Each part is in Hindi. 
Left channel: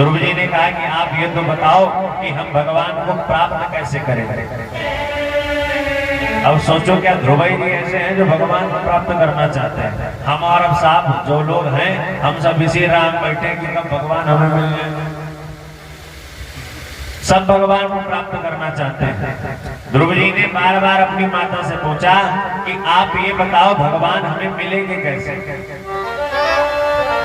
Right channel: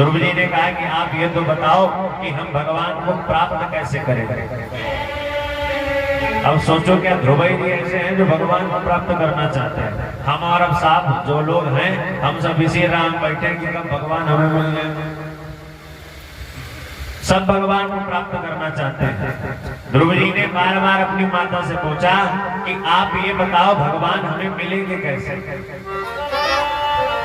ध्रुव जी ने कहा कि आप ये तो बताओ कि हम भगवान को प्राप्त कैसे करें। अब सोचो क्या ध्रुव जी ऐसे हैं जो भगवान को प्राप्त करना चाहते हैं। हम और अब साहब जो लोग हैं हम सब इसी राह में बैठे कि कब भगवान हमें मिल जाए। सब भगवान को प्राप्त करना चाहते हैं। ध्रुव जी ने बार बार अपनी माता से पूछा कि आप ये बताओ भगवान हमें मिलेंगे कैसे।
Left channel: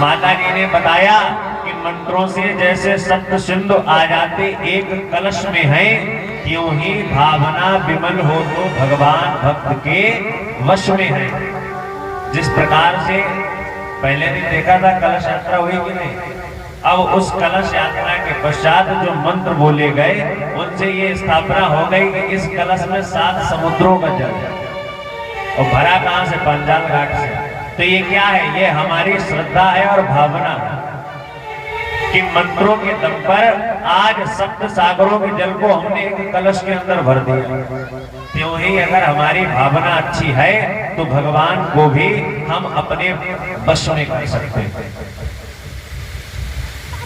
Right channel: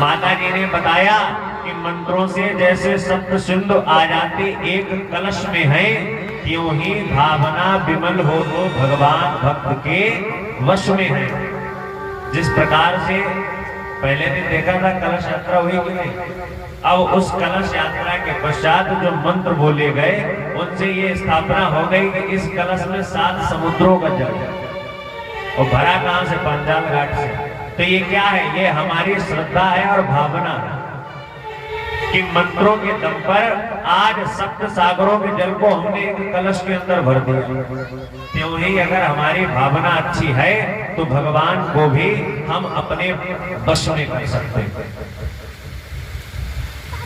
माता जी ने बताया कि मंत्रों से जैसे सप्त सिंधु आ जाते एक कलश में है, त्यों ही भावना विमल हो तो भगवान भक्त के वश में है। जिस प्रकार से पहले दिन देखा था कलश यात्रा हुई कि नहीं, अब उस कलश यात्रा के पश्चात जो मंत्र बोले गए उनसे ये स्थापना हो गई कि इस कलश में 7 समुद्रों का जल और भरा कहां से, पांचाल घाट से। तो ये क्या है, ये हमारी श्रद्धा है और भावना है कि मंत्रों के दम पर आज सप्त सागरों के जल को हमने एक कलश के अंदर भर दिया। त्यों ही अगर हमारी भावना अच्छी है तो भगवान को भी हम अपने वश में कर सकते हैं।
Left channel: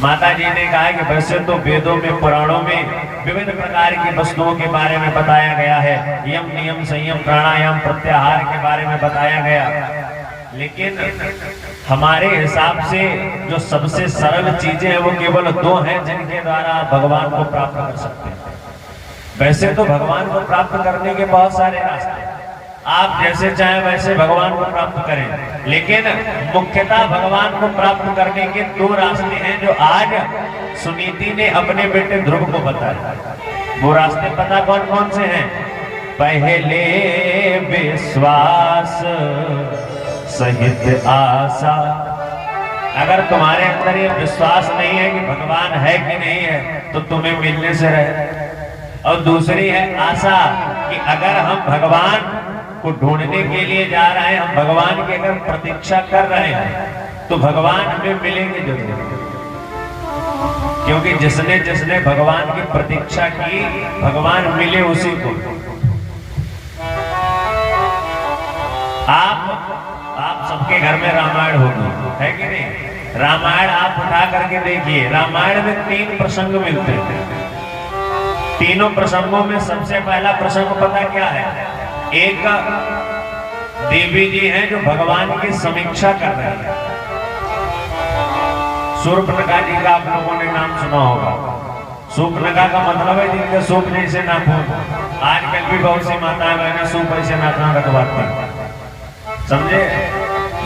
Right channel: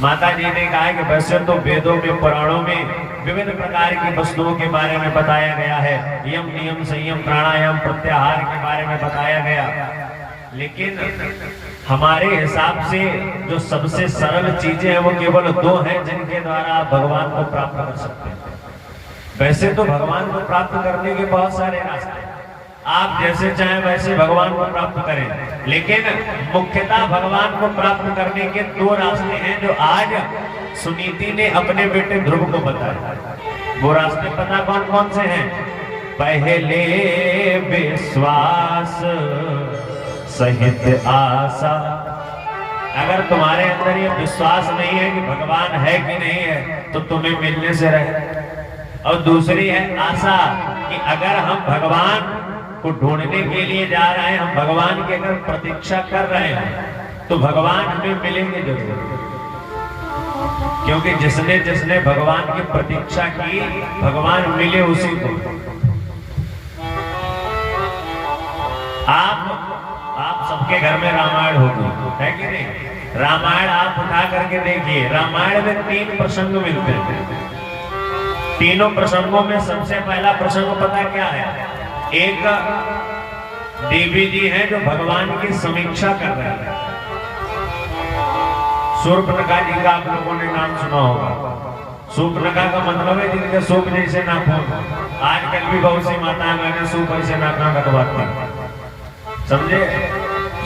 माता जी ने कहा कि वैसे तो वेदों में पुराणों में विभिन्न प्रकार की वस्तुओं के बारे में बताया गया है, यम नियम संयम प्राणायाम प्रत्याहार के बारे में बताया गया, लेकिन हमारे हिसाब से जो सबसे सरल चीजें हैं वो केवल 2 हैं जिनके द्वारा आप भगवान को प्राप्त कर सकते हैं। वैसे तो भगवान को प्राप्त करने के बहुत सारे रास्ते हैं, आप जैसे चाहें वैसे भगवान को प्राप्त करें, लेकिन मुख्यतः भगवान को प्राप्त करने के 2 रास्ते हैं जो आज सुनीति ने अपने बेटे ध्रुव को बताया। वो रास्ते पता कौन कौन से हैं? पहले विश्वास सहित आशा। अगर तुम्हारे अंदर ये विश्वास नहीं है कि भगवान है कि नहीं है तो तुम्हें मिलने से रहे। और दूसरी है आशा कि अगर हम भगवान को ढूंढने के लिए जा रहे हैं, हम भगवान की अगर प्रतीक्षा कर रहे हैं तो भगवान हमें मिलेंगे जरूर। क्योंकि जिसने जिसने भगवान की प्रतीक्षा की भगवान मिले उसी को। आप सबके घर में रामायण होगी, है कि नहीं? रामायण आप उठा करके देखिए, रामायण में 3 प्रसंग मिलते हैं। तीनों प्रसंगों में सबसे पहला प्रसंग पता क्या है? एक देवी जी हैं जो भगवान की समीक्षा कर रहे हैं। शूर्पणखा जी का आप लोगों ने नाम सुना होगा। शूर्पणखा का मतलब है जिनके सूप जैसे नाखून। आजकल भी बहुत सी माताएं बहनें सूप ऐसे नाखून कटवाती हैं, समझे?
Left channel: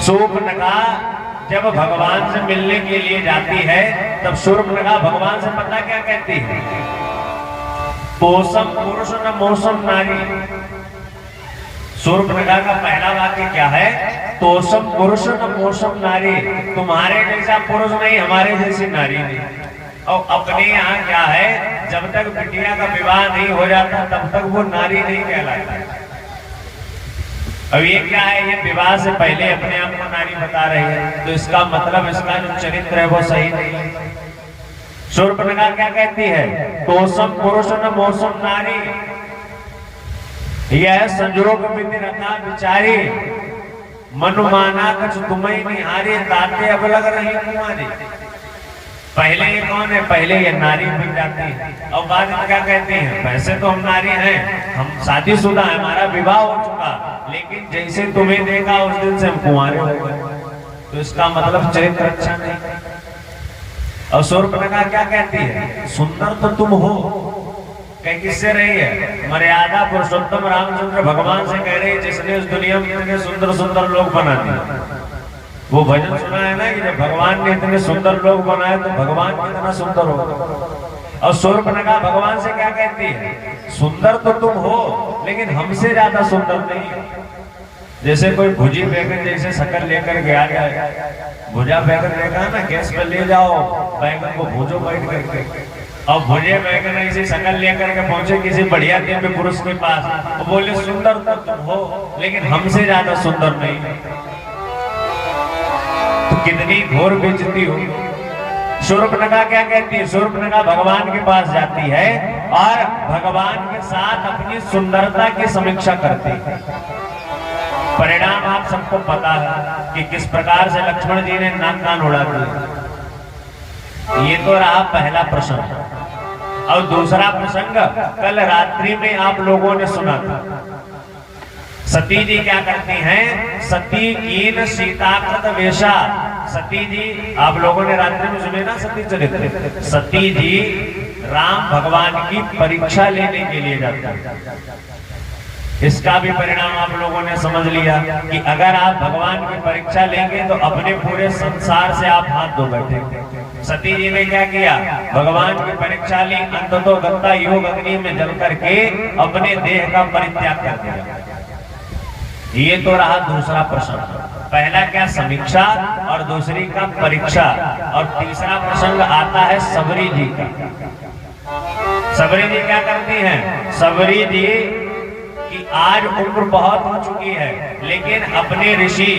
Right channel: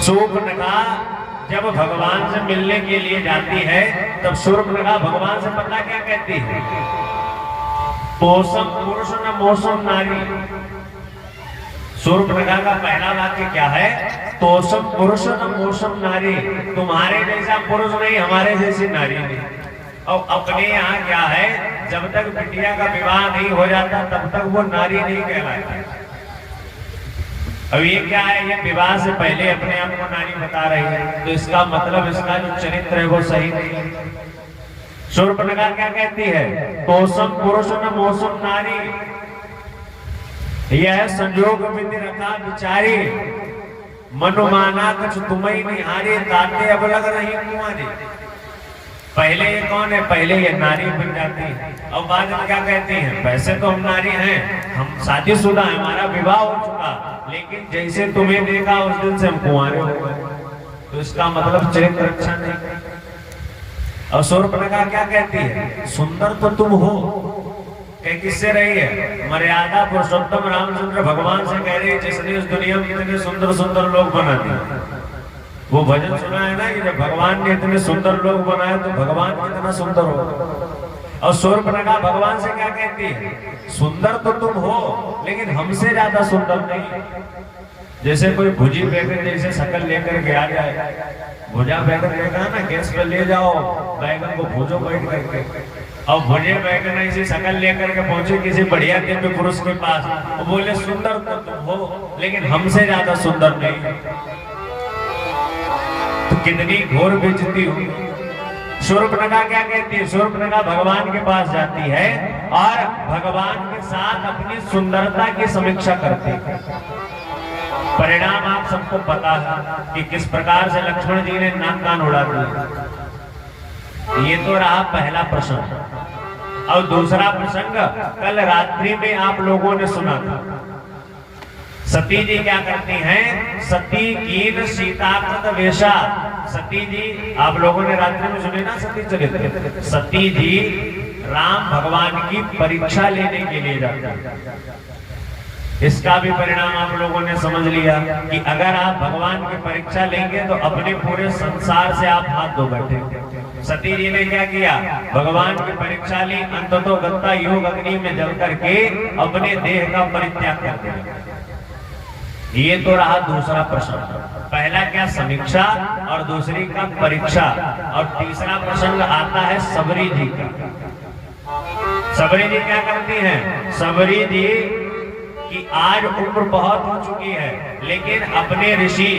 शूर्पणखा जब भगवान से मिलने के लिए जाती है तब शूर्पणखा भगवान से पता क्या कहती है? तोषम पुरुष न मोसम नारी। शूर्पणखा का पहला वाक्य क्या है? तोषम पुरुष न मोसम नारी। तुम्हारे जैसा पुरुष नहीं, हमारे जैसी नारी नहीं। और अपने यहाँ क्या है, जब तक बिटिया का विवाह नहीं हो जाता तब तक वो नारी नहीं कहलाती। अब ये क्या है, ये विवाह से पहले अपने आप को नारी बता रही है, तो इसका मतलब इसका जो चरित्र है वो सही नहीं है। शूर्पणखा क्या कहती है? तोषम पुरुष न मोसम नारी। यह संजोग विधि रखा विचारी, मनुमाना कछ तुम्हें निहारी, ताते अब लग रही कुमारी। पहले ये कौन है? पहले ये नारी बन जाती है और बाद में क्या कहते हैं? वैसे तो हम नारी हैं, हम शादीशुदा हैं, हमारा विवाह हो चुका, लेकिन जैसे तुम्हें देखा उस दिन से हम कुंवारे हो गए। तो इसका मतलब चरित्र अच्छा नहीं। और शूर्पणखा क्या कहती है? सुंदर तो तुम हो। कहीं किससे रही है? मर्यादा पुरुषोत्तम रामचंद्र भगवान से कह रही है, जिसने इस दुनिया में इतने सुंदर सुंदर लोग बना दिए। वो भजन सुना है ना, जब भगवान ने इतने सुंदर लोग बनाए तो भगवान कितना सुंदर हो। और शूर्पणखा भगवान से क्या कहती है? सुंदर तो तुम हो लेकिन हमसे ज्यादा सुंदर नहीं। जैसे कोई भुजी बैगन जैसे शक्ल लेकर के आ गया, भुजा बैगन देखा ना, गैस पर ले जाओ, बैगन को भूजो बैठ करके, और भुजे बैगन ऐसी शक्ल लेकर के पहुंचे किसी बढ़िया दिव्य पुरुष के पास, वो बोले सुंदर तो तुम हो लेकिन हमसे ज्यादा सुंदर नहीं। तो कितनी घोर बेइज्जती हुई। शूर्पणखा क्या कहती है? शूर्पणखा भगवान के पास जाती है और भगवान के साथ अपनी सुंदरता की समीक्षा करती है। परिणाम आप सबको पता है कि किस प्रकार से लक्ष्मण जी ने नाक कान उड़ा दिए। ये तो रहा पहला प्रसंग। और दूसरा प्रसंग कल रात्रि में आप लोगों ने सुना था। सती जी क्या करती हैं? सती कीन सीता कृत वेशा। सती जी, आप लोगों ने रात्रि में सुने ना सती चरित्र। सती जी राम भगवान की परीक्षा लेने के लिए जाते हैं। इसका भी परिणाम आप लोगों ने समझ लिया कि अगर आप भगवान की परीक्षा लेंगे तो अपने पूरे संसार से आप हाथ धो बैठे। सती जी ने क्या किया? भगवान की परीक्षा ली, अंततो गत्ता योग अग्नि में जल करके अपने देह का परित्याग कर दिया। ये तो रहा दूसरा प्रसंग। पहला क्या? समीक्षा, और दूसरी का परीक्षा। और तीसरा प्रसंग आता है सबरी जी का। सबरी जी क्या करती हैं? सबरी जी कि आज उम्र बहुत हो चुकी है, लेकिन अपने ऋषि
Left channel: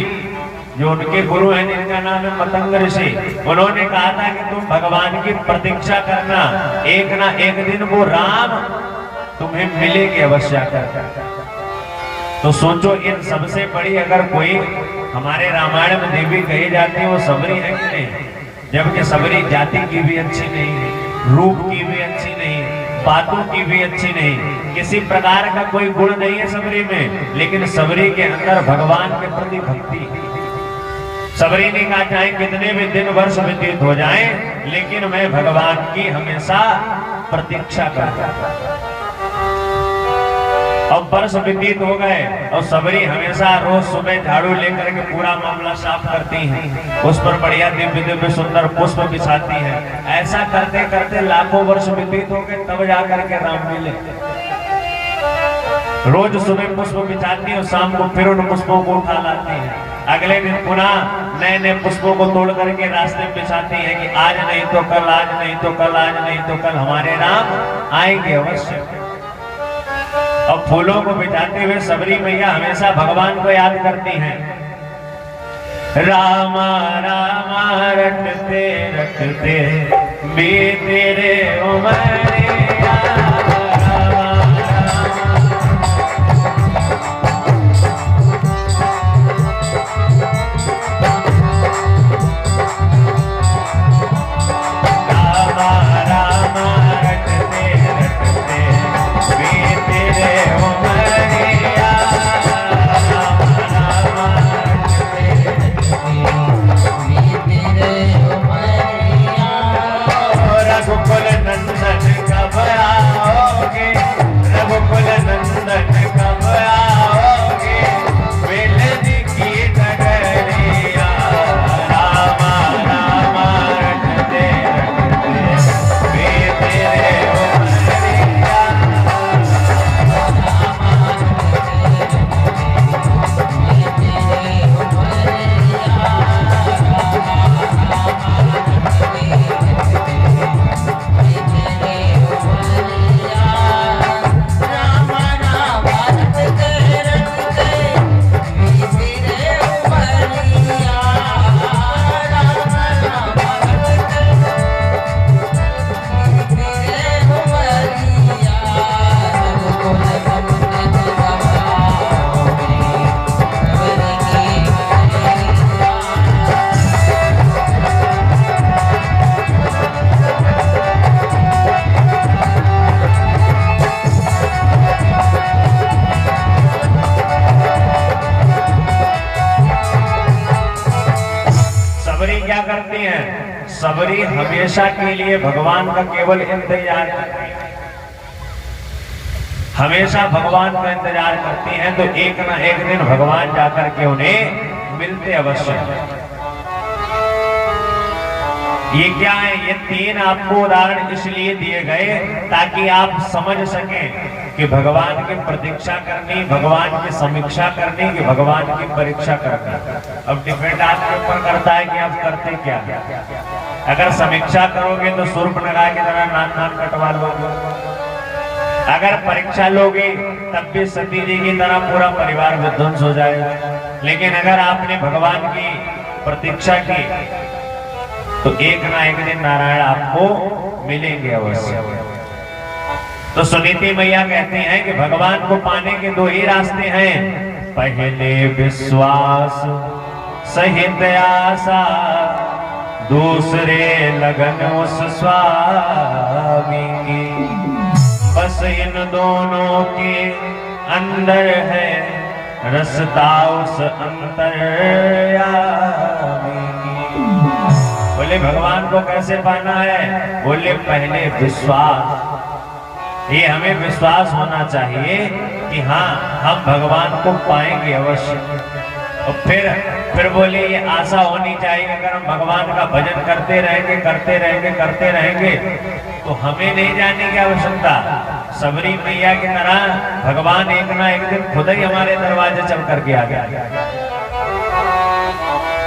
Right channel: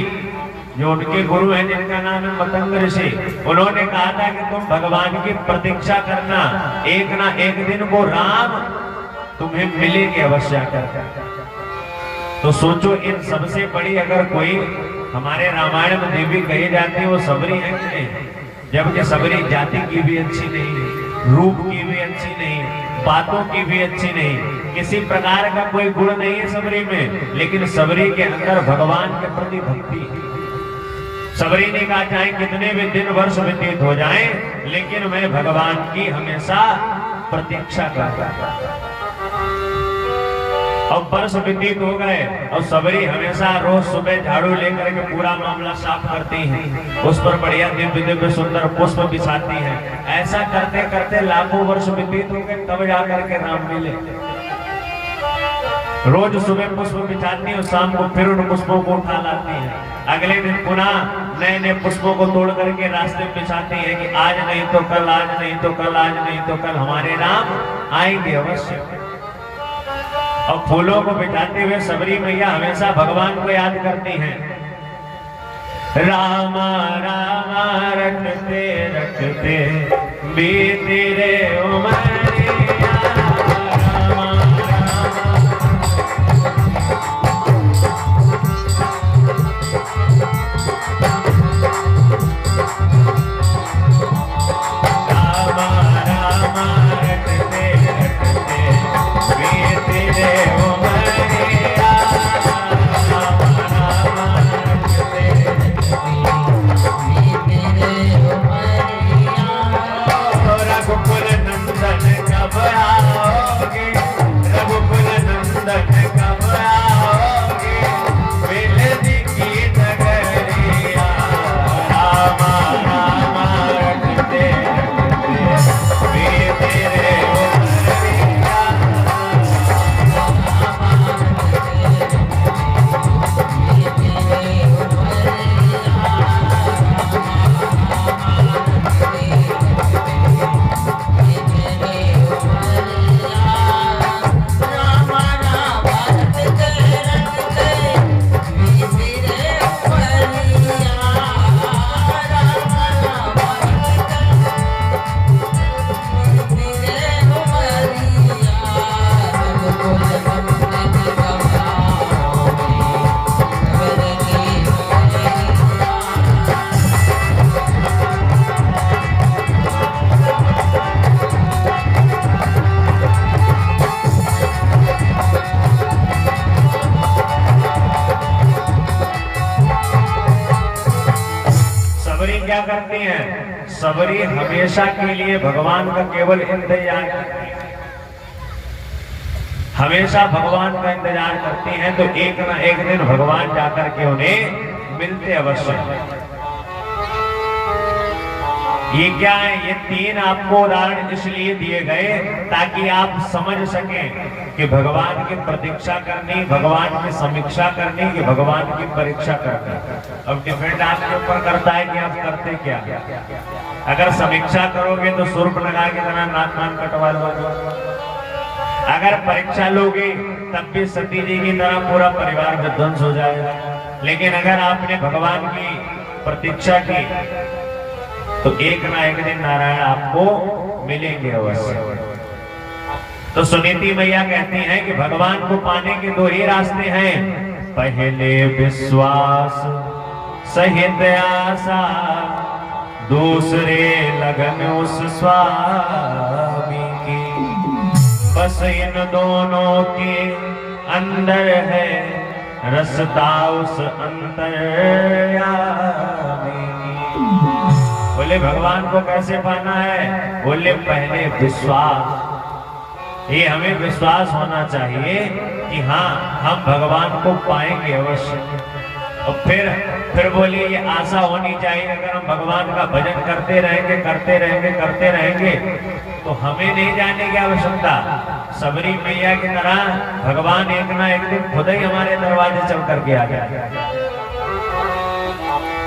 जो उनके गुरु हैं जिनका नाम है मतंग ऋषि, उन्होंने कहा था कि तुम भगवान की प्रतीक्षा करना, एक ना एक दिन वो राम तुम्हें मिलेंगे अवश्य कर। तो सोचो, इन सबसे बड़ी अगर कोई हमारे रामायण में देवी कही जाती है वो सबरी है कि नहीं? जबकि सबरी जाति की भी अच्छी नहीं, रूप की भी अच्छी नहीं, बातों की भी अच्छी नहीं, किसी प्रकार का कोई गुण नहीं है सबरी में, लेकिन सबरी के अंदर भगवान के प्रति भक्ति। सबरी ने कहा चाहे कितने भी दिन वर्ष व्यतीत हो जाएं, लेकिन मैं भगवान की हमेशा प्रतीक्षा करता। अब वर्ष व्यतीत हो गए और सबरी हमेशा रोज सुबह झाड़ू लेकर के पूरा मामला साफ करती हैं, उस पर बढ़िया दिव्य दिव्य सुंदर पुष्प बिछाती हैं। ऐसा करते करते लाखों वर्ष व्यतीत हो गए, तब जाकर के राम मिले। रोज सुबह पुष्प बिछाती है और शाम को फिर उन पुष्पों को उठा लाती है। अगले दिन पुनः नए नए पुष्पों को तोड़ करके रास्ते में बिछाती है कि आज नहीं तो कल, आज नहीं तो कल, आज नहीं तो कल हमारे राम आएंगे अवश्य। और फूलों को बिछाते हुए सबरी मैया हमेशा भगवान को याद करती हैं। रामा रामा रटते रटते बीते रे उमरिया, रामा रामा रटते रटते बीते रे उमरिया, रामा रामा रटते बीते रे उमरिया। रघुकुल नंदन कब आओगे, रघुकुल नंदन कब आओगे, बेलदी की नगरिया, रामा रामा रटते रटते बीते रे उमरिया। सबरी क्या करती हैं? सबरी हमेशा के लिए भगवान का केवल इंतजार करती है, हमेशा भगवान का इंतजार करती हैं। तो एक ना एक दिन भगवान जाकर के उन्हें मिलते अवश्य। ये क्या है? ये तीन आपको उदाहरण इसलिए दिए गए ताकि आप समझ सकें कि भगवान की प्रतीक्षा करनी, भगवान की समीक्षा करनी, कि भगवान की परीक्षा करनी। अब डिपेंड आपके ऊपर करता है कि आप करते क्या। अगर समीक्षा करोगे तो शूर्पणखा की तरह नाक कटवा लोगे, अगर परीक्षा लोगे तब भी सती जी की तरह पूरा परिवार विध्वंस हो जाएगा। लेकिन अगर आपने भगवान की प्रतीक्षा की तो एक ना एक दिन नारायण आपको मिलेंगे अवश्य। तो सुनीति मैया कहती हैं कि भगवान को पाने के दो ही रास्ते हैं, पहले विश्वास सहित आशा, दूसरे लगन उस स्वामी की, बस इन दोनों के अंदर है रसता उस अंतर्यामी की। बोले भगवान को कैसे पाना है? बोले पहले विश्वास, ये हमें विश्वास होना चाहिए कि हाँ हम भगवान को पाएंगे अवश्य। और फिर बोले ये आशा होनी चाहिए अगर हम भगवान का भजन करते रहेंगे करते रहेंगे तो हमें नहीं जाने की आवश्यकता, सबरी मैया की तरह भगवान एक ना एक दिन खुद ही हमारे दरवाजे चल करके आ गया।